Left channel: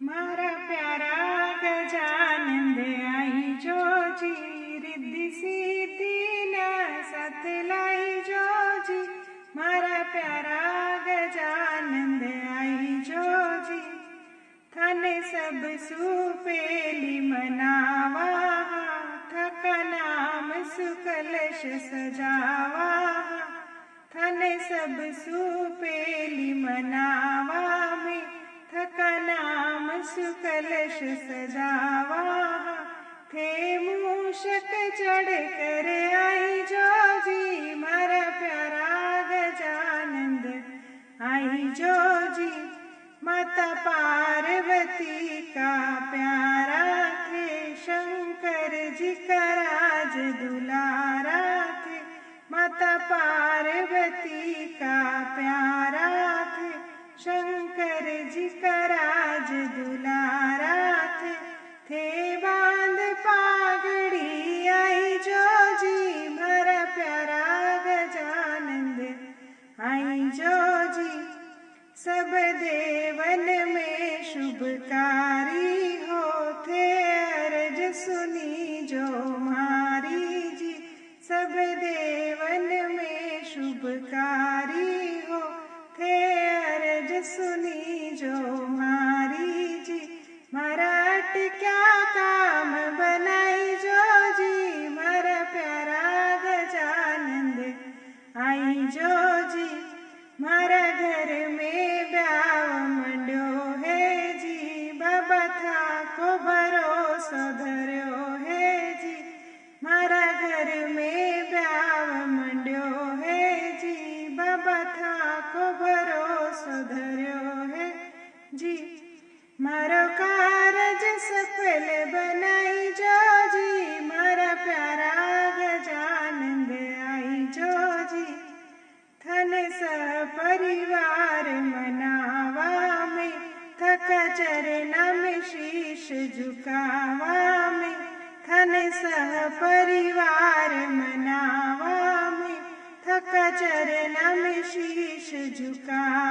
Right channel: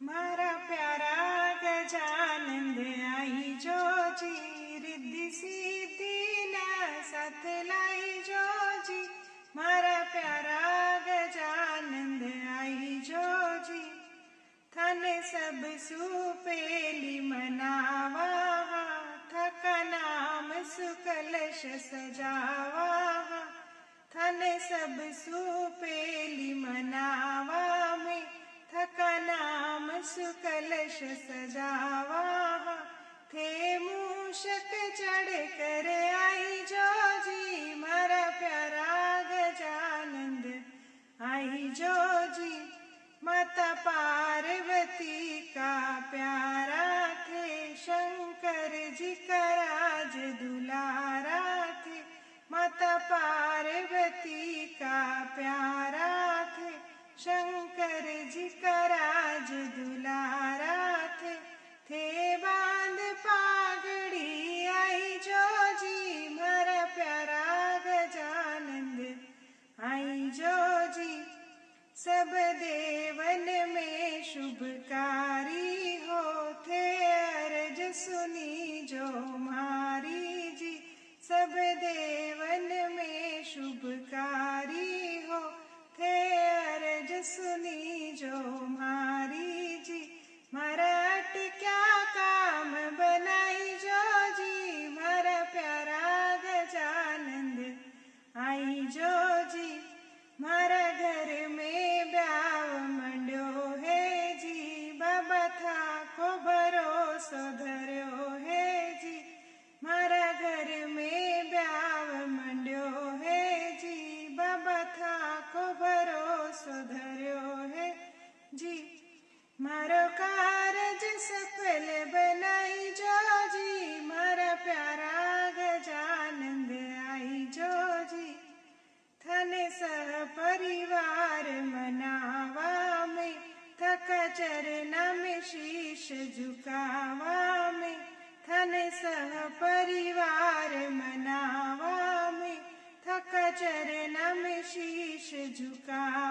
मारा प्यारा गजानंद आई जो जी, रिद्धि सिद्धि ना साथ लाई जो जी। मारा प्यारा गजानंद आई जो जी, थाने सब सुपेली मनावा, थका नाम सुकलश सजावा। थाने सब सुपेली मनावा में, थका नाम सुकलश सजावा। थे मूषक चढ़ कर आई जो जी, मारा प्यारा गजानंद आई जो जी। माता पार्वती का प्यारा थे, शंकर जी का राज दुलारा थे। माता पार्वती का प्यारा थे, शंकर जी का राज दुलारा थे बांध पागड़ी आई जो जी, मारा प्यारा गजानंद आई जो जी। सब देवन में शुभकारी हो, थे अर्ज सुनी जो मारी जी। सब देवन में शुभकारी हो, थे अर्ज सुनी जो मारी जी। मराठ क्या काम बनाई जो जी, मारा प्यारा गजानंद आई जो जी। मारा घर में ब्याव मंड्यो है जी, बाबा था को भरोसा धर्यो है जी। मारा घर में ब्याव मंड्यो है जी, बाबा था को भरोसा धर्यो है जी। मारो कारज सफल बनाई जो जी, मारा प्यारा गजानंद आई जो जी। थन सपरिवार मनावा में, थका चरना में शीश झुकावा में। थन सहपरिवार मनावा में, थका चरना में शीश झुकावा।